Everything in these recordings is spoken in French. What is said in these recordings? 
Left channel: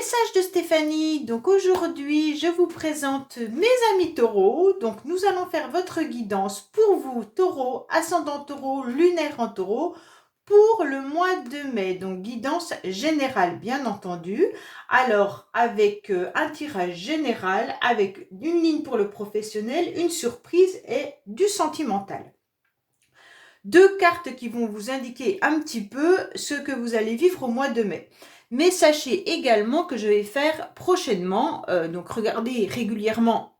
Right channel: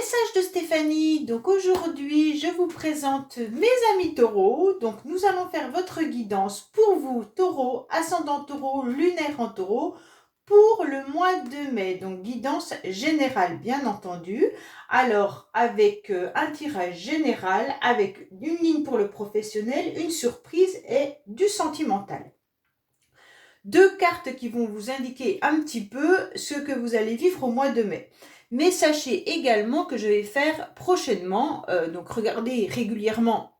Message de Stéphanie. Donc aujourd'hui, je vous présente mes amis taureaux. Donc nous allons faire votre guidance pour vous, taureau, ascendant taureau, lunaire en taureau, pour le mois de mai. Donc guidance générale, bien entendu. Alors avec un tirage général, avec une ligne pour le professionnel, une surprise et du sentimental. Deux cartes qui vont vous indiquer un petit peu ce que vous allez vivre au mois de mai. Mais sachez également que je vais faire prochainement, donc regardez régulièrement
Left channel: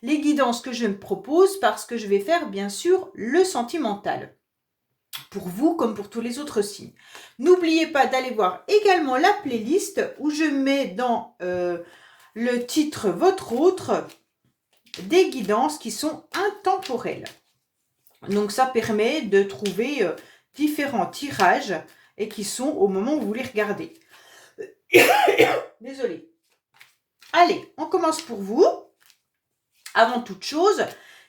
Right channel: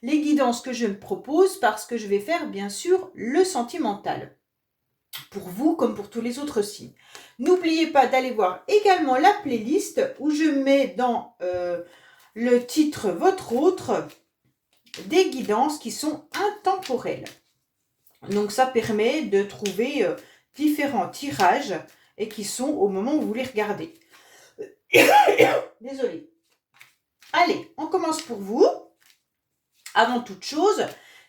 les guidances que je me propose parce que je vais faire bien sûr le sentimental. Pour vous comme pour tous les autres signes. N'oubliez pas d'aller voir également la playlist où je mets dans le titre votre autre des guidances qui sont intemporelles. Donc ça permet de trouver différents tirages et qui sont au moment où vous les regardez. Désolée. Allez, on commence pour vous. Avant toute chose,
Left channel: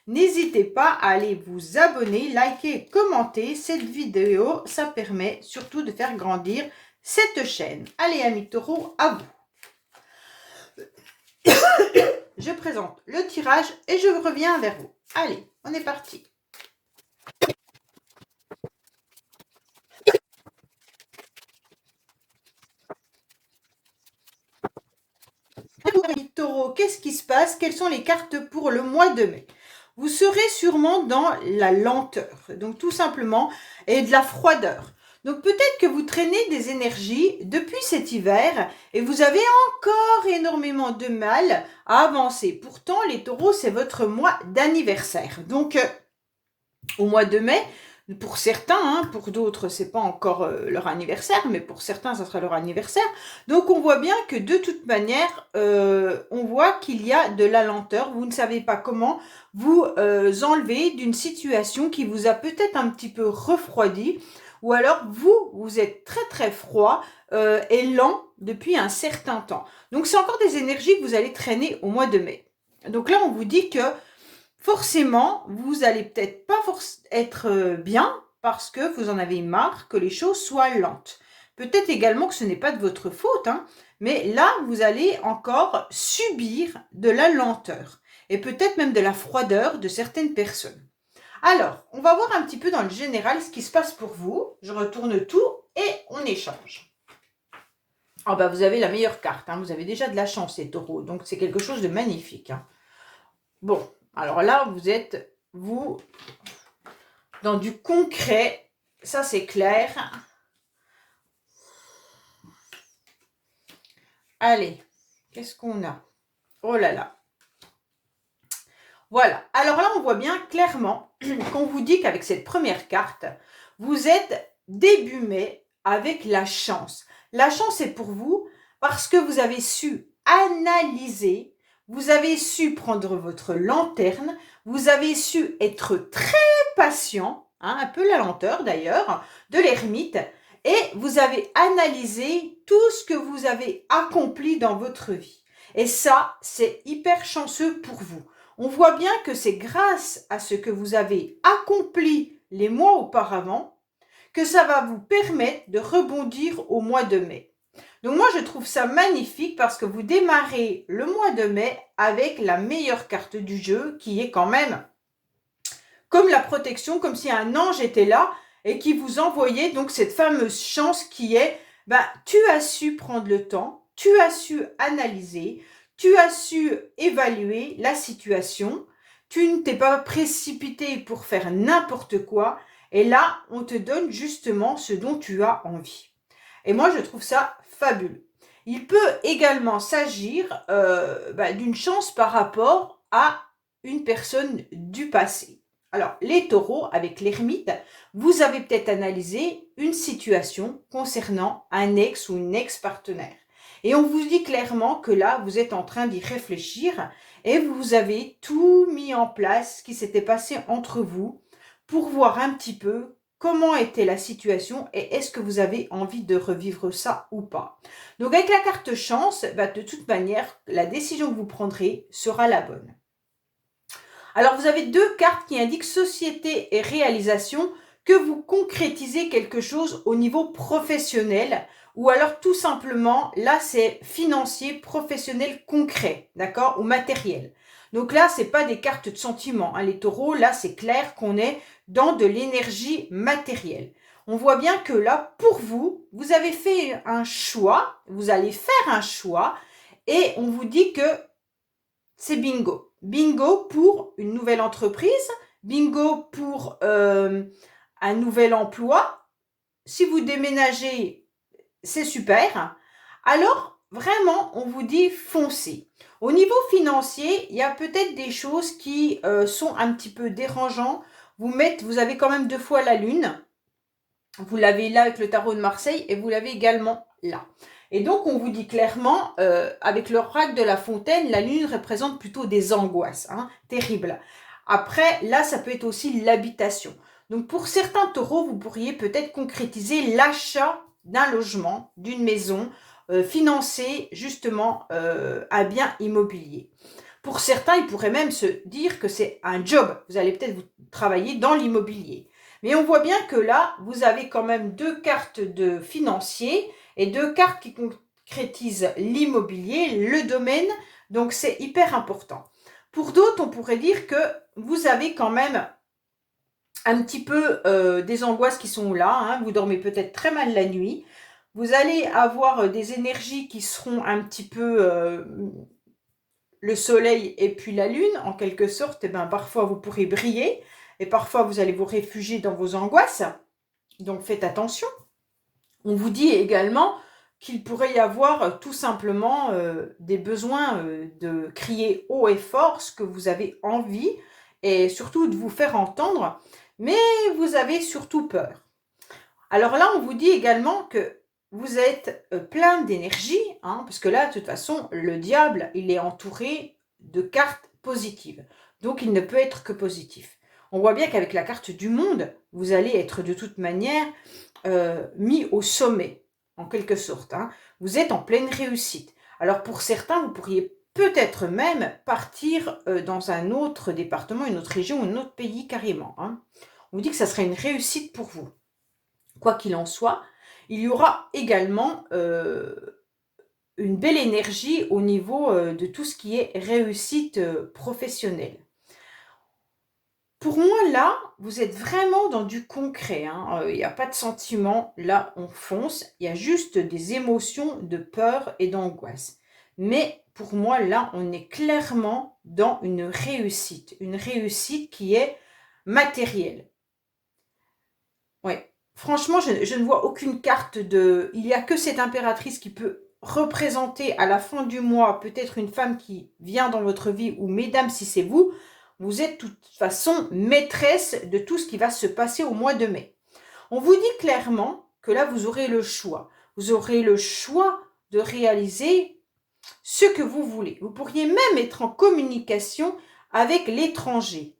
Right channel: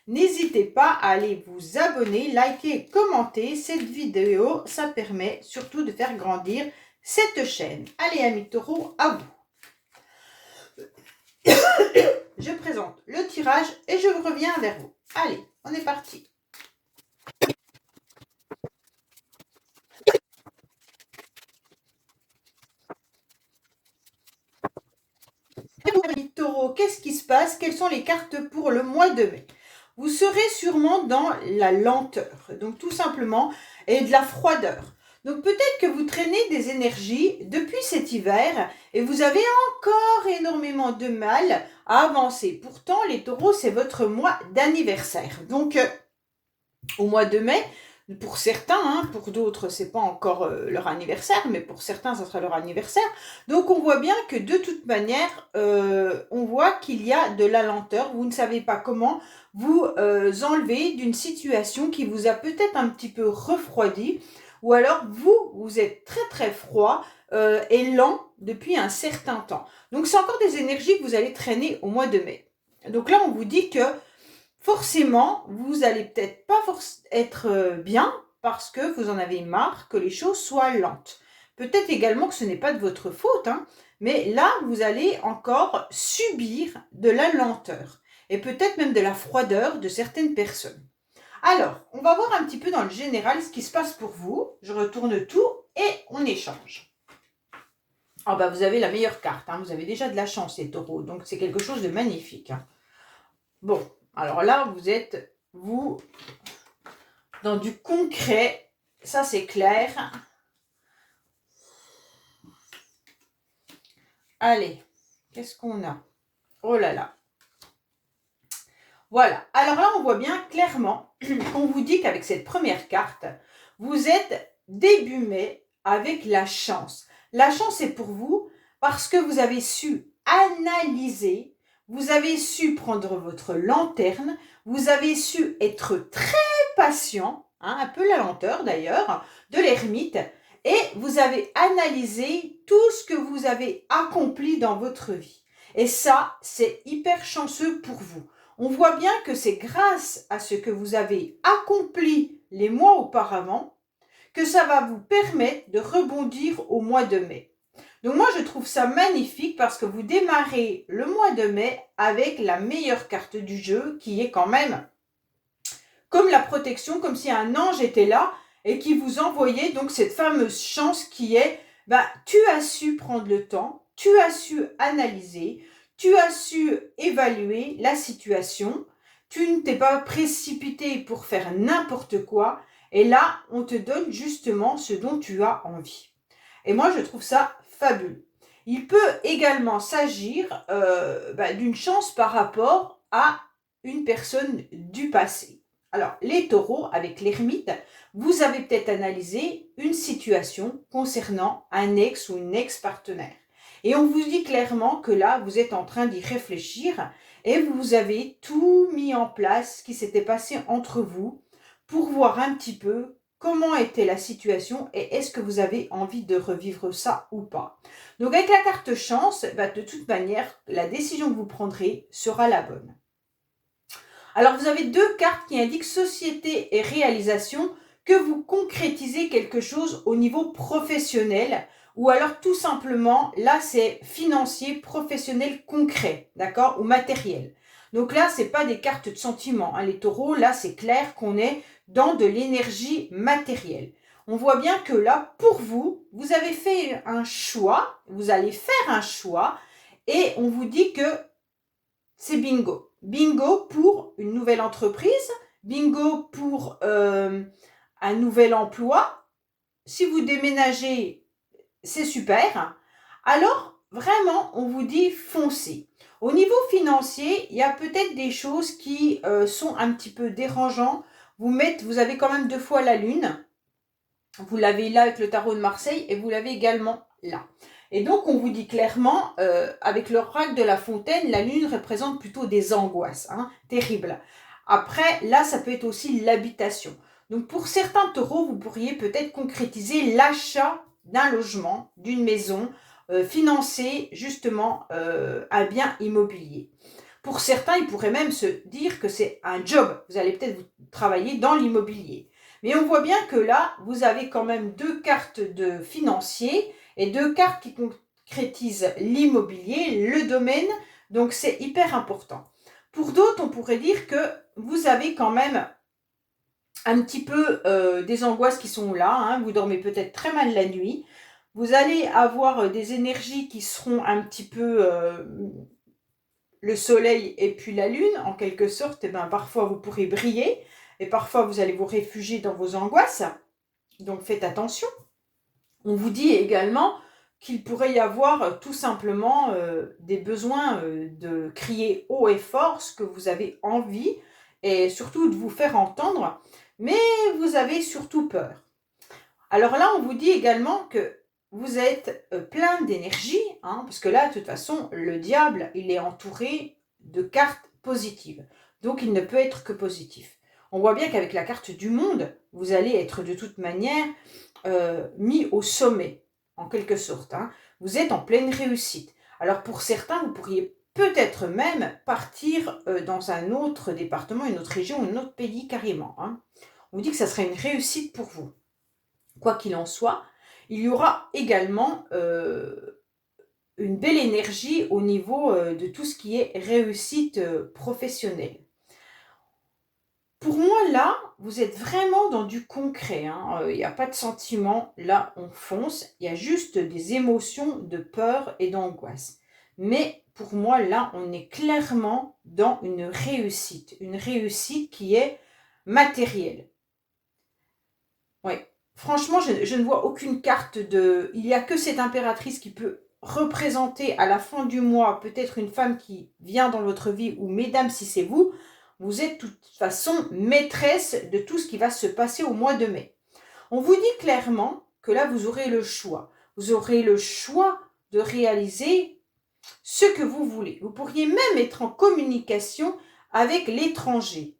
n'hésitez pas à aller vous abonner, liker, commenter cette vidéo. Ça permet surtout de faire grandir cette chaîne. Allez, amis taureaux, à vous. Je présente le tirage et je reviens vers vous. Allez, on est parti. Taureau, qu'est-ce qui se passe? Quelles sont les cartes pour le mois de mai? Vous serez sûrement dans la lenteur, donc tout simplement, et de la froideur. Donc peut-être que vous traînez des énergies depuis cet hiver et vous avez encore énormément de mal à avancer. Pourtant, les taureaux, c'est votre mois d'anniversaire. Donc, au mois de mai, pour certains, pour d'autres, c'est pas encore leur anniversaire, mais pour certains, ça sera leur anniversaire. Donc, on voit bien que de toute manière, on voit qu'il y a de la lenteur. Vous ne savez pas comment vous enlever d'une situation qui vous a peut-être un petit peu refroidi, ou alors vous êtes très très froid et lent depuis un certain temps. Donc, c'est encore des énergies que vous allez traîner au mois de mai. Donc là, on vous dit que forcément, vous allez peut-être pas être bien parce que vous en avez marre que les choses soient lentes. Peut-être également que ce n'est pas de votre faute, mais là, vous allez encore subir de la lenteur et peut-être même de la froideur de certaines personnes. Alors, on va voir un petit peu dans le général ce qui se passe pour vous. Je retourne tout et on échange. Oh bah, vous avez la meilleure carte, vous avez déjà de la chance les taureaux, donc c'est quelque chose de magnifique. Bon, alors là, vous êtes, vous, dans du concret, ça c'est clair. Allez, qu'est-ce qu'on a? Oh là là. Voilà, alors là, on voit bien clairement qu'on vous dit qu'avec cette première carte, vous êtes début mai avec la chance. La chance est pour vous parce que vous avez su analyser, vous avez su prendre votre lanterne, vous avez su être très patient, un peu la lenteur d'ailleurs, de l'ermite, et vous avez analysé tout ce que vous avez accompli dans votre vie. Et ça, c'est hyper chanceux pour vous. On voit bien que c'est grâce à ce que vous avez accompli les mois auparavant que ça va vous permettre de rebondir au mois de mai. Donc moi, je trouve ça magnifique parce que vous démarrez le mois de mai avec la meilleure carte du jeu qui est quand même comme la protection, comme si un ange était là et qui vous envoyait donc cette fameuse chance qui est, tu as su prendre le temps, tu as su analyser, tu as su évaluer la situation, tu ne t'es pas précipité pour faire n'importe quoi, et là, on te donne justement ce dont tu as envie. Et moi, je trouve ça fabuleux. Il peut également s'agir d'une chance par rapport à une personne du passé. Alors, les taureaux, avec l'ermite, vous avez peut-être analysé une situation concernant un ex ou une ex-partenaire. Et on vous dit clairement que là, vous êtes en train d'y réfléchir et vous avez tout mis en place, ce qui s'était passé entre vous, pour voir un petit peu comment était la situation et est-ce que vous avez envie de revivre ça ou pas. Donc, avec la carte chance, de toute manière, la décision que vous prendrez sera la bonne. Alors, vous avez deux cartes qui indiquent société et réalisation, que vous concrétisez quelque chose au niveau professionnel ou alors tout simplement, là c'est financier, professionnel, concret, d'accord, ou matériel. Donc là, c'est pas des cartes de sentiments, hein, les taureaux, là c'est clair qu'on est dans de l'énergie matérielle. On voit bien que là, pour vous, vous avez fait un choix, vous allez faire un choix, et on vous dit que c'est bingo. Bingo pour une nouvelle entreprise, bingo pour un nouvel emploi. Si vous déménagez, c'est super. Alors, vraiment, on vous dit foncez. Au niveau financier, il y a peut-être des choses qui sont un petit peu dérangeantes. Vous avez quand même 2 fois la lune. Vous l'avez là avec le tarot de Marseille et vous l'avez également là. Et donc, on vous dit clairement, avec l'oracle de la fontaine, la lune représente plutôt des angoisses, hein, terribles. Après, là, ça peut être aussi l'habitation. Donc, pour certains taureaux, vous pourriez peut-être concrétiser l'achat d'un logement, d'une maison, financer justement un bien immobilier. Pour certains, ils pourraient même se dire que c'est un job. Vous allez peut-être vous travailler dans l'immobilier. Mais on voit bien que là, vous avez quand même 2 cartes de financier et 2 cartes qui concrétisent l'immobilier, le domaine. Donc, c'est hyper important. Pour d'autres, on pourrait dire que vous avez quand même un petit peu des angoisses qui sont là. Hein. Vous dormez peut-être très mal la nuit. Vous allez avoir des énergies qui seront un petit peu le soleil et puis la lune, en quelque sorte. Et ben, parfois, vous pourrez briller. Et parfois, vous allez vous réfugier dans vos angoisses. Donc, faites attention. On vous dit également qu'il pourrait y avoir tout simplement des besoins de crier haut et fort ce que vous avez envie et surtout de vous faire entendre, mais vous avez surtout peur. Alors là, on vous dit également que vous êtes plein d'énergie, hein, parce que là, de toute façon, le diable, il est entouré de cartes positives. Donc, il ne peut être que positif. On voit bien qu'avec la carte du monde, vous allez être de toute manière mis au sommet, en quelque sorte. Hein. Vous êtes en pleine réussite. Alors, pour certains, vous pourriez peut-être même partir dans un autre département, une autre région, un autre pays carrément. Hein. On vous dit que ça serait une réussite pour vous. Quoi qu'il en soit, il y aura également une belle énergie au niveau de tout ce qui est réussite professionnelle. Pour moi, là, vous êtes vraiment dans du concret. Hein. Il n'y a pas de sentiment. Là, on fonce. Il y a juste des émotions de peur et d'angoisse. Mais pour moi, là, on est clairement dans une réussite. Une réussite qui est matérielle. Ouais. Franchement, je ne vois aucune carte de... Il n'y a que cette impératrice qui peut représenter à la fin du mois peut-être une femme qui vient dans votre vie, ou mesdames, si c'est vous, vous êtes de toute façon maîtresse de tout ce qui va se passer au mois de mai. On vous dit clairement que là, vous aurez le choix. Vous aurez le choix de réaliser ce que vous voulez. Vous pourriez même être en communication avec l'étranger.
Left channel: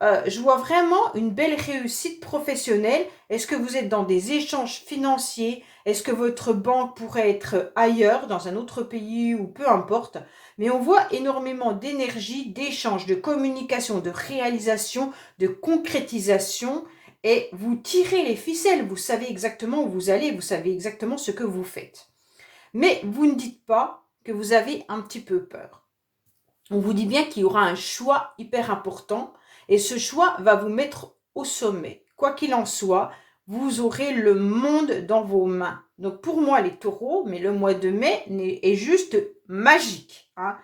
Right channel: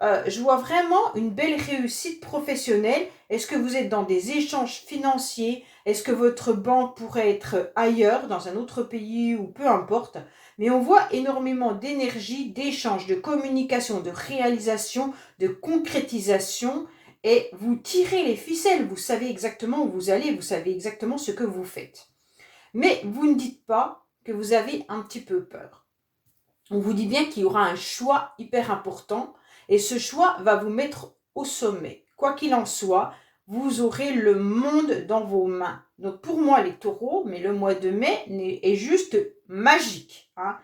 Je vois vraiment une belle réussite professionnelle. Est-ce que vous êtes dans des échanges financiers? Est-ce que votre banque pourrait être ailleurs, dans un autre pays ou peu importe? Mais on voit énormément d'énergie, d'échanges, de communication, de réalisation, de concrétisation. Et vous tirez les ficelles. Vous savez exactement où vous allez. Vous savez exactement ce que vous faites. Mais vous ne dites pas que vous avez un petit peu peur. On vous dit bien qu'il y aura un choix hyper important et ce choix va vous mettre au sommet. Quoi qu'il en soit, vous aurez le monde dans vos mains. Donc pour moi, les taureaux, mais le mois de mai est juste magique. Hein.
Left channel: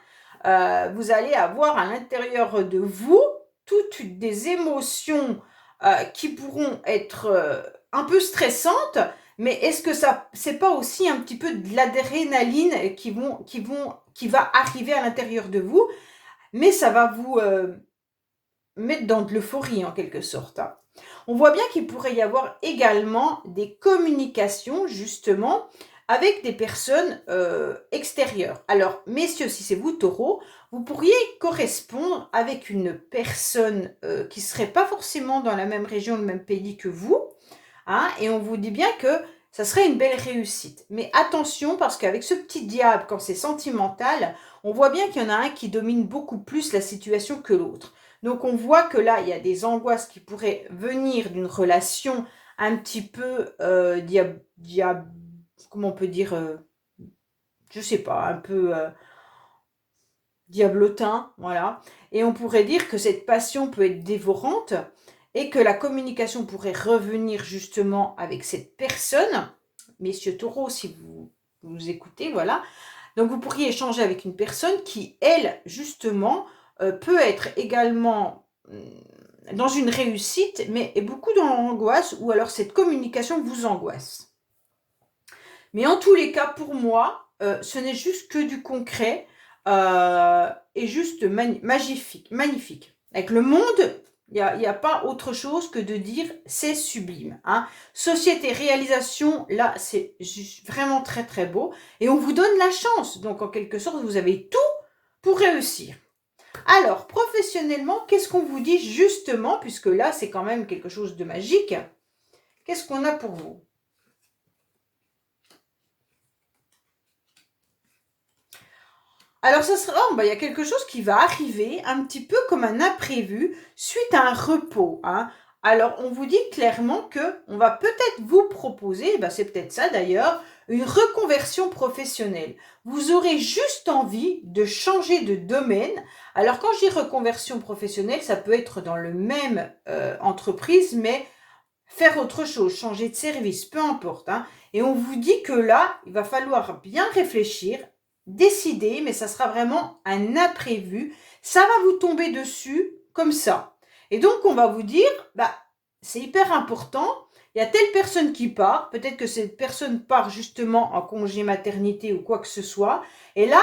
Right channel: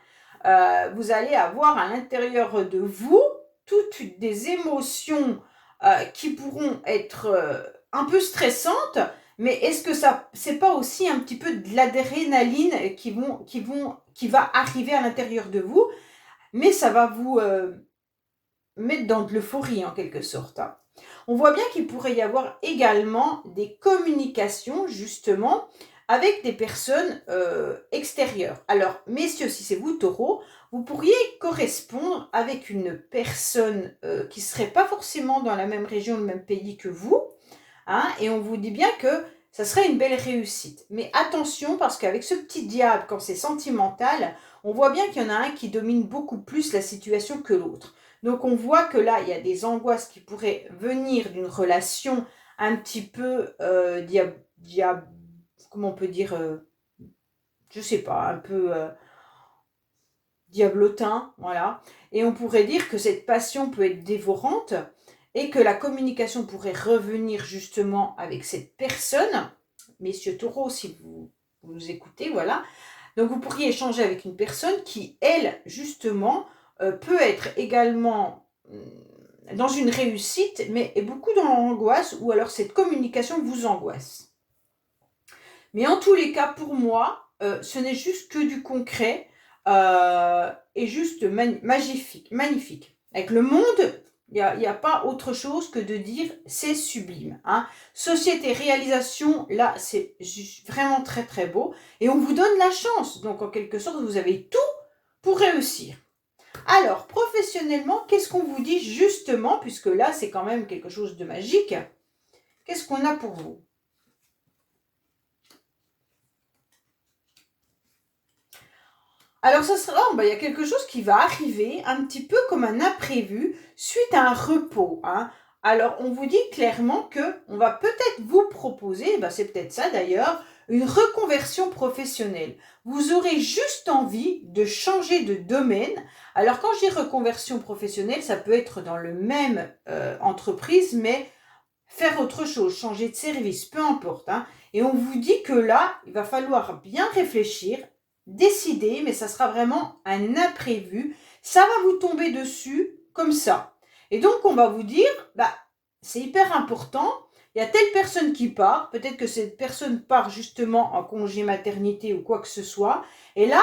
Vous allez avoir à l'intérieur de vous toutes des émotions qui pourront être un peu stressantes, mais est-ce que ça, c'est pas aussi un petit peu de l'adrénaline qui va arriver à l'intérieur de vous, mais ça va vous mettre dans de l'euphorie en quelque sorte. Hein. On voit bien qu'il pourrait y avoir également des communications justement avec des personnes extérieures. Alors, messieurs, si c'est vous, taureau, vous pourriez correspondre avec une personne qui ne serait pas forcément dans la même région, le même pays que vous, hein, et on vous dit bien que ça serait une belle réussite. Mais attention, parce qu'avec ce petit diable, quand c'est sentimental, on voit bien qu'il y en a un qui domine beaucoup plus la situation que l'autre. Donc on voit que là, il y a des angoisses qui pourraient venir d'une relation un petit peu comment on peut dire, je sais pas, un peu diablotin, voilà. Et on pourrait dire que cette passion peut être dévorante et que la communication pourrait revenir justement avec cette personne. Messieurs taureaux, si vous écoutez, voilà. Donc vous pourriez échanger avec une personne qui, elle, justement, peut être également dans une réussite, mais est beaucoup dans l'angoisse, ou alors cette communication vous angoisse. Mais en tous les cas, pour moi, ce n'est juste que du concret et juste magnifique. Avec le monde, il y a pas autre chose que de dire c'est sublime. Hein. Société, réalisation, là, c'est vraiment très très beau. Et on vous donne la chance. Donc, en quelque sorte, vous avez tout pour réussir. Alors, professionnellement, qu'est-ce qu'on vous dit justement, puisque là, c'est quand même quelque chose de magique. Qu'est-ce qu'on a pour vous? Alors, ça sera, il y a quelque chose qui va arriver, un petit peu comme un imprévu, suite à un repos. Hein. Alors, on vous dit clairement que on va peut-être vous proposer, c'est peut-être ça d'ailleurs, une reconversion professionnelle. Vous aurez juste envie de changer de domaine. Alors, quand je dis reconversion professionnelle, ça peut être dans le même entreprise, mais faire autre chose, changer de service, peu importe. Hein. Et on vous dit que là, il va falloir bien réfléchir, décider, mais ça sera vraiment un imprévu. Ça va vous tomber dessus comme ça. Et donc, on va vous dire, c'est hyper important. Il y a telle personne qui part. Peut-être que cette personne part justement en congé maternité ou quoi que ce soit. Et là,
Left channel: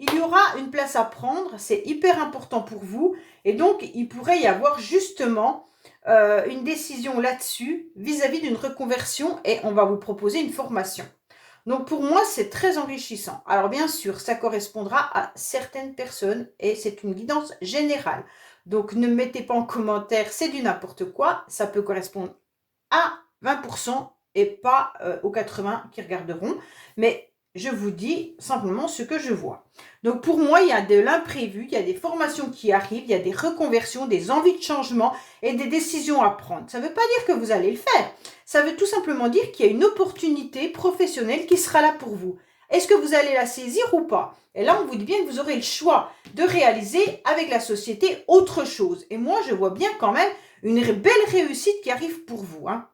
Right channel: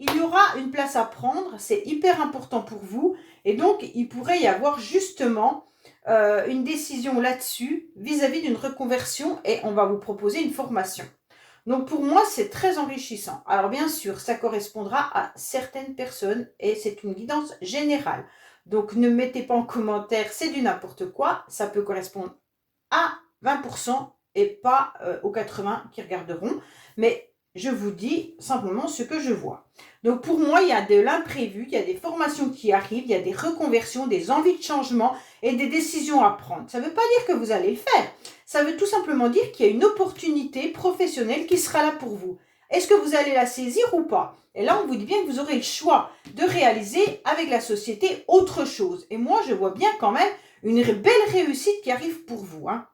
il y aura une place à prendre. C'est hyper important pour vous. Et donc, il pourrait y avoir justement une décision là-dessus vis-à-vis d'une reconversion et on va vous proposer une formation. Donc pour moi, c'est très enrichissant. Alors bien sûr, ça correspondra à certaines personnes et c'est une guidance générale. Donc ne mettez pas en commentaire, c'est du n'importe quoi. Ça peut correspondre à 20% et pas aux 80 qui regarderont. Mais je vous dis simplement ce que je vois. Donc pour moi, il y a de l'imprévu, il y a des formations qui arrivent, il y a des reconversions, des envies de changement et des décisions à prendre. Ça ne veut pas dire que vous allez le faire. Ça veut tout simplement dire qu'il y a une opportunité professionnelle qui sera là pour vous. Est-ce que vous allez la saisir ou pas? Et là, on vous dit bien que vous aurez le choix de réaliser avec la société autre chose. Et moi, je vois bien quand même une belle réussite qui arrive pour vous. Hein.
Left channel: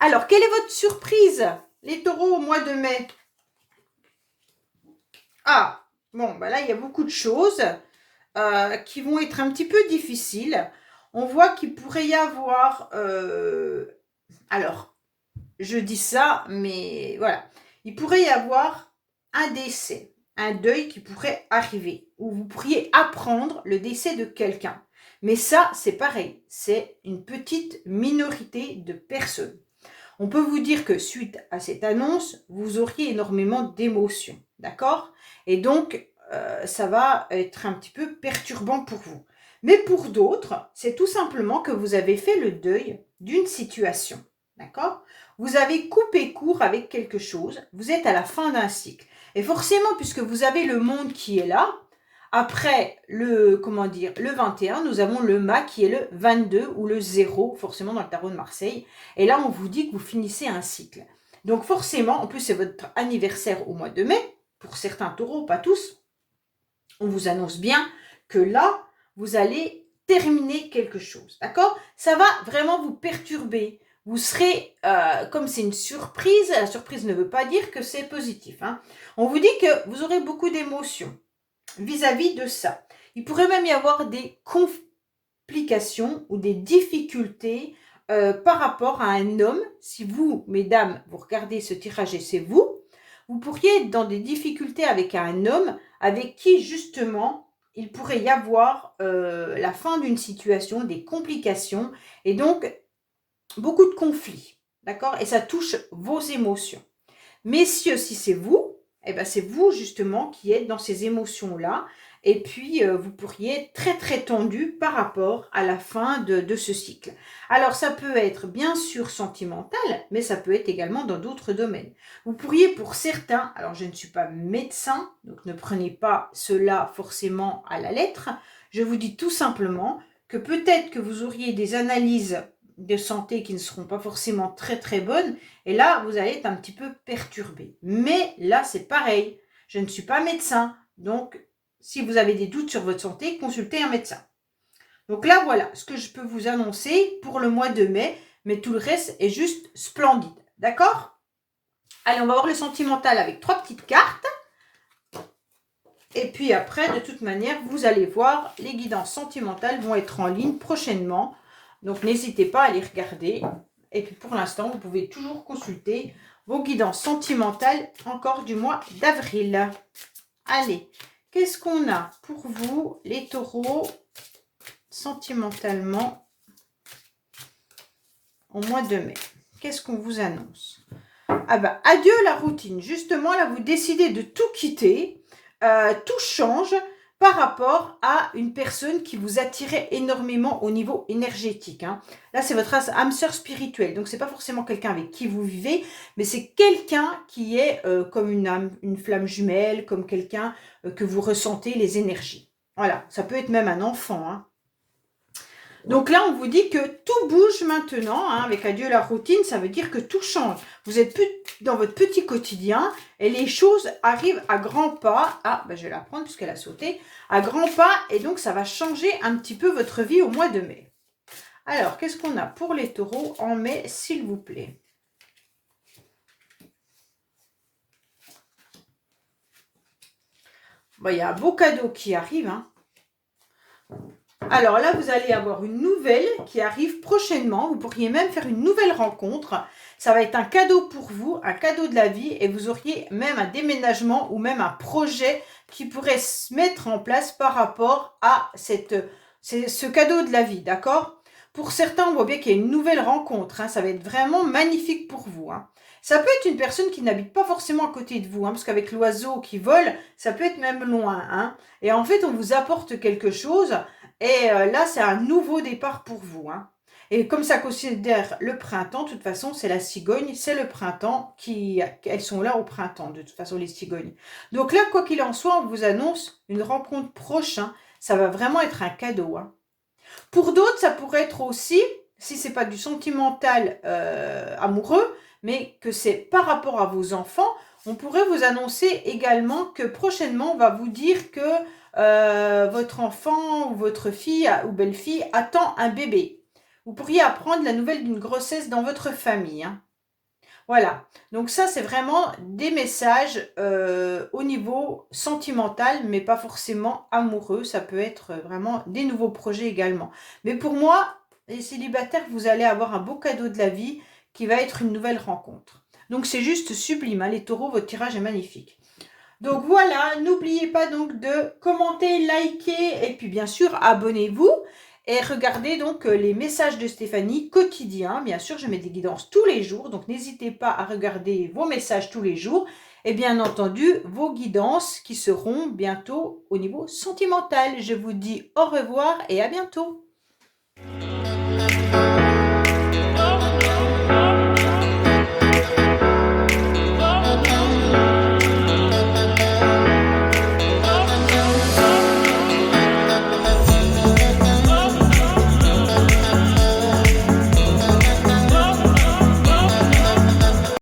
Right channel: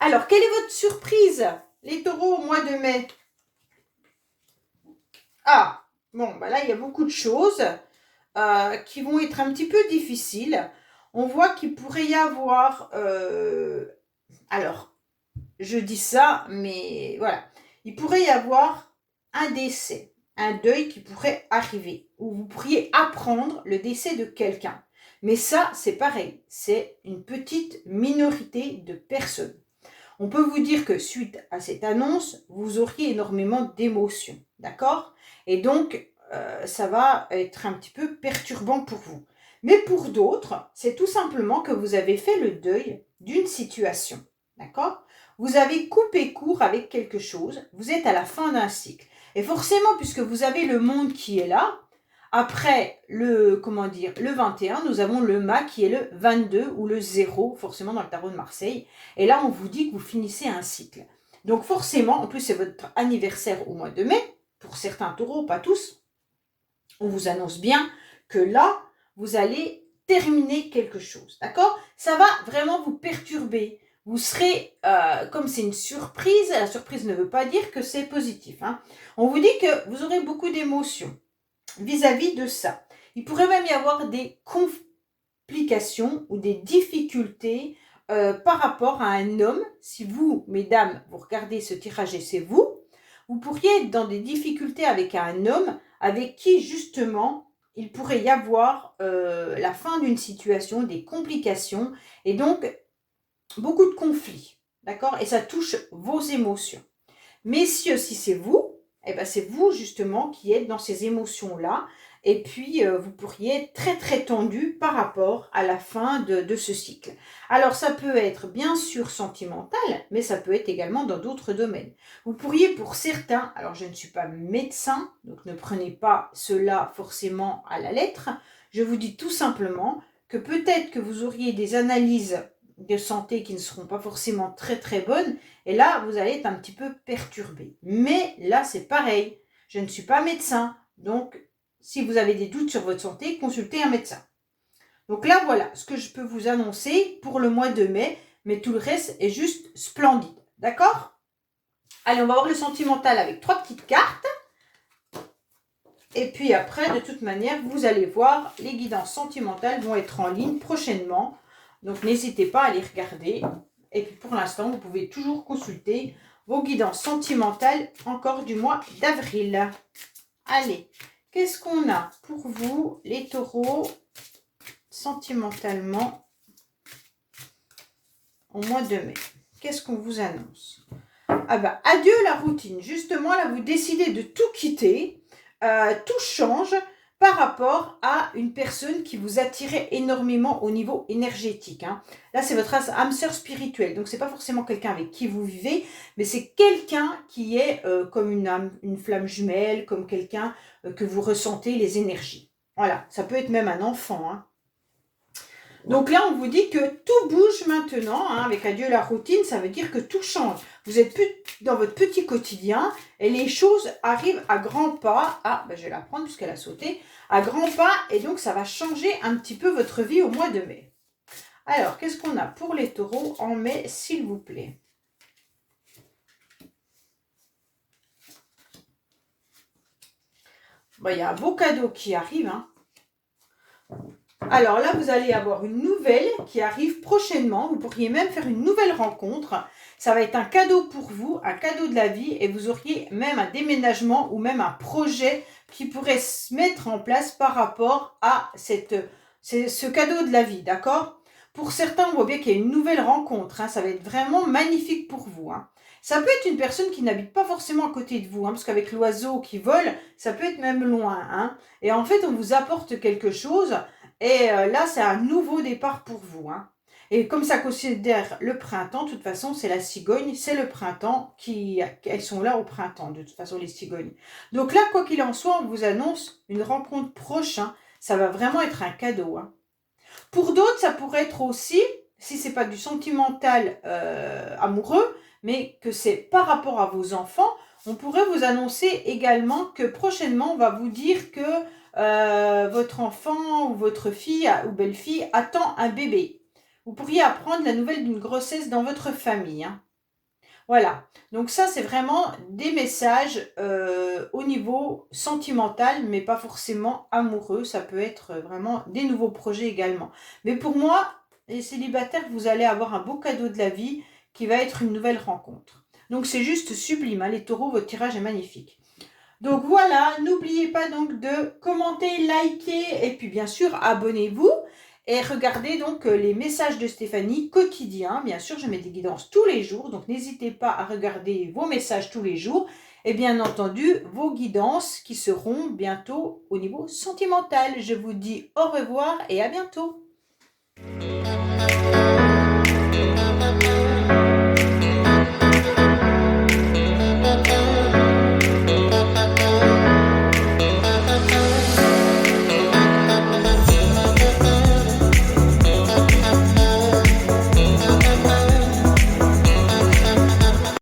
Alors, quelle est votre surprise, les taureaux, au mois de mai? Ah, bon, là, il y a beaucoup de choses qui vont être un petit peu difficiles. On voit qu'il pourrait y avoir... alors, je dis ça, mais voilà. Il pourrait y avoir un décès, un deuil qui pourrait arriver, où vous pourriez apprendre le décès de quelqu'un. Mais ça, c'est pareil, c'est une petite minorité de personnes. On peut vous dire que suite à cette annonce, vous auriez énormément d'émotions, d'accord? Et donc, ça va être un petit peu perturbant pour vous. Mais pour d'autres, c'est tout simplement que vous avez fait le deuil d'une situation, d'accord? Vous avez coupé court avec quelque chose, vous êtes à la fin d'un cycle. Et forcément, puisque vous avez le monde qui est là, après le 21, nous avons le mât qui est le 22 ou le 0, forcément dans le tarot de Marseille. Et là, on vous dit que vous finissez un cycle. Donc forcément, en plus c'est votre anniversaire au mois de mai, pour certains taureaux, pas tous, on vous annonce bien que là, vous allez terminer quelque chose, d'accord? Ça va vraiment vous perturber. Vous serez, comme c'est une surprise, la surprise ne veut pas dire que c'est positif. Hein. On vous dit que vous aurez beaucoup d'émotions vis-à-vis de ça. Il pourrait même y avoir des complications ou des difficultés par rapport à un homme. Si vous, mesdames, vous regardez ce tirage et c'est vous, vous pourriez être dans des difficultés avec un homme avec qui, justement, il pourrait y avoir la fin d'une situation, des complications et donc beaucoup de conflits. D'accord? Et ça touche vos émotions. Messieurs, si c'est vous, c'est vous justement qui êtes dans ces émotions-là. Et puis, vous pourriez être très très tendu par rapport à la fin de ce cycle. Alors, ça peut être bien sûr sentimental, mais ça peut être également dans d'autres domaines. Vous pourriez pour certains, alors je ne suis pas médecin, donc ne prenez pas cela forcément à la lettre, je vous dis tout simplement que peut-être que vous auriez des analyses de santé qui ne seront pas forcément très très bonnes. Et là, vous allez être un petit peu perturbé. Mais là, c'est pareil. Je ne suis pas médecin. Donc, si vous avez des doutes sur votre santé, consultez un médecin. Donc là, voilà ce que je peux vous annoncer pour le mois de mai. Mais tout le reste est juste splendide. D'accord? Allez, on va voir le sentimental avec 3 petites cartes. Et puis après, de toute manière, vous allez voir, les guidances sentimentales vont être en ligne prochainement. Donc, n'hésitez pas à les regarder. Et puis, pour l'instant, vous pouvez toujours consulter vos guidances sentimentales encore du mois d'avril. Allez, qu'est-ce qu'on a pour vous, les taureaux, sentimentalement, au mois de mai? Qu'est-ce qu'on vous annonce? Ah ben, adieu la routine. Justement, là, vous décidez de tout quitter. Tout change par rapport à une personne qui vous attirait énormément au niveau énergétique. Hein. Là, c'est votre âme sœur spirituelle. Donc, c'est pas forcément quelqu'un avec qui vous vivez, mais c'est quelqu'un qui est comme une âme, une flamme jumelle, comme quelqu'un que vous ressentez les énergies. Voilà, ça peut être même un enfant. Hein. Donc là, on vous dit que tout bouge maintenant, hein, avec adieu la routine, ça veut dire que tout change. Vous n'êtes plus dans votre petit quotidien et les choses arrivent à grands pas. Ah, ben je vais la prendre puisqu'elle a sauté. À grands pas et donc ça va changer un petit peu votre vie au mois de mai. Alors, qu'est-ce qu'on a pour les taureaux en mai, s'il vous plaît? Bon, il y a un beau cadeau qui arrive, hein. Alors là, vous allez avoir une nouvelle qui arrive prochainement. Vous pourriez même faire une nouvelle rencontre. Ça va être un cadeau pour vous, un cadeau de la vie. Et vous auriez même un déménagement ou même un projet qui pourrait se mettre en place par rapport à ce cadeau de la vie. D'accord? Pour certains, on voit bien qu'il y a une nouvelle rencontre. Hein. Ça va être vraiment magnifique pour vous. Hein. Ça peut être une personne qui n'habite pas forcément à côté de vous. Hein, parce qu'avec l'oiseau qui vole, ça peut être même loin. Hein. Et en fait, on vous apporte quelque chose. Et là, c'est un nouveau départ pour vous. Hein. Et comme ça considère le printemps, de toute façon, c'est la cigogne, c'est le printemps elles sont là au printemps, de toute façon, les cigognes. Donc là, quoi qu'il en soit, on vous annonce une rencontre prochaine. Ça va vraiment être un cadeau. Hein. Pour d'autres, ça pourrait être aussi, si c'est pas du sentimental amoureux, mais que c'est par rapport à vos enfants, on pourrait vous annoncer également que prochainement, on va vous dire que votre enfant ou votre fille ou belle-fille attend un bébé. Vous pourriez apprendre la nouvelle d'une grossesse dans votre famille. Hein. Voilà. Donc ça, c'est vraiment des messages au niveau sentimental, mais pas forcément amoureux. Ça peut être vraiment des nouveaux projets également. Mais pour moi, les célibataires, vous allez avoir un beau cadeau de la vie qui va être une nouvelle rencontre. Donc c'est juste sublime. Hein. Les taureaux, votre tirage est magnifique. Donc voilà, n'oubliez pas donc de commenter, liker et puis bien sûr abonnez-vous et regardez donc les messages de Stéphanie quotidiens. Bien sûr, je mets des guidances tous les jours, donc n'hésitez pas à regarder vos messages tous les jours et bien entendu vos guidances qui seront bientôt au niveau sentimental. Je vous dis au revoir et à bientôt.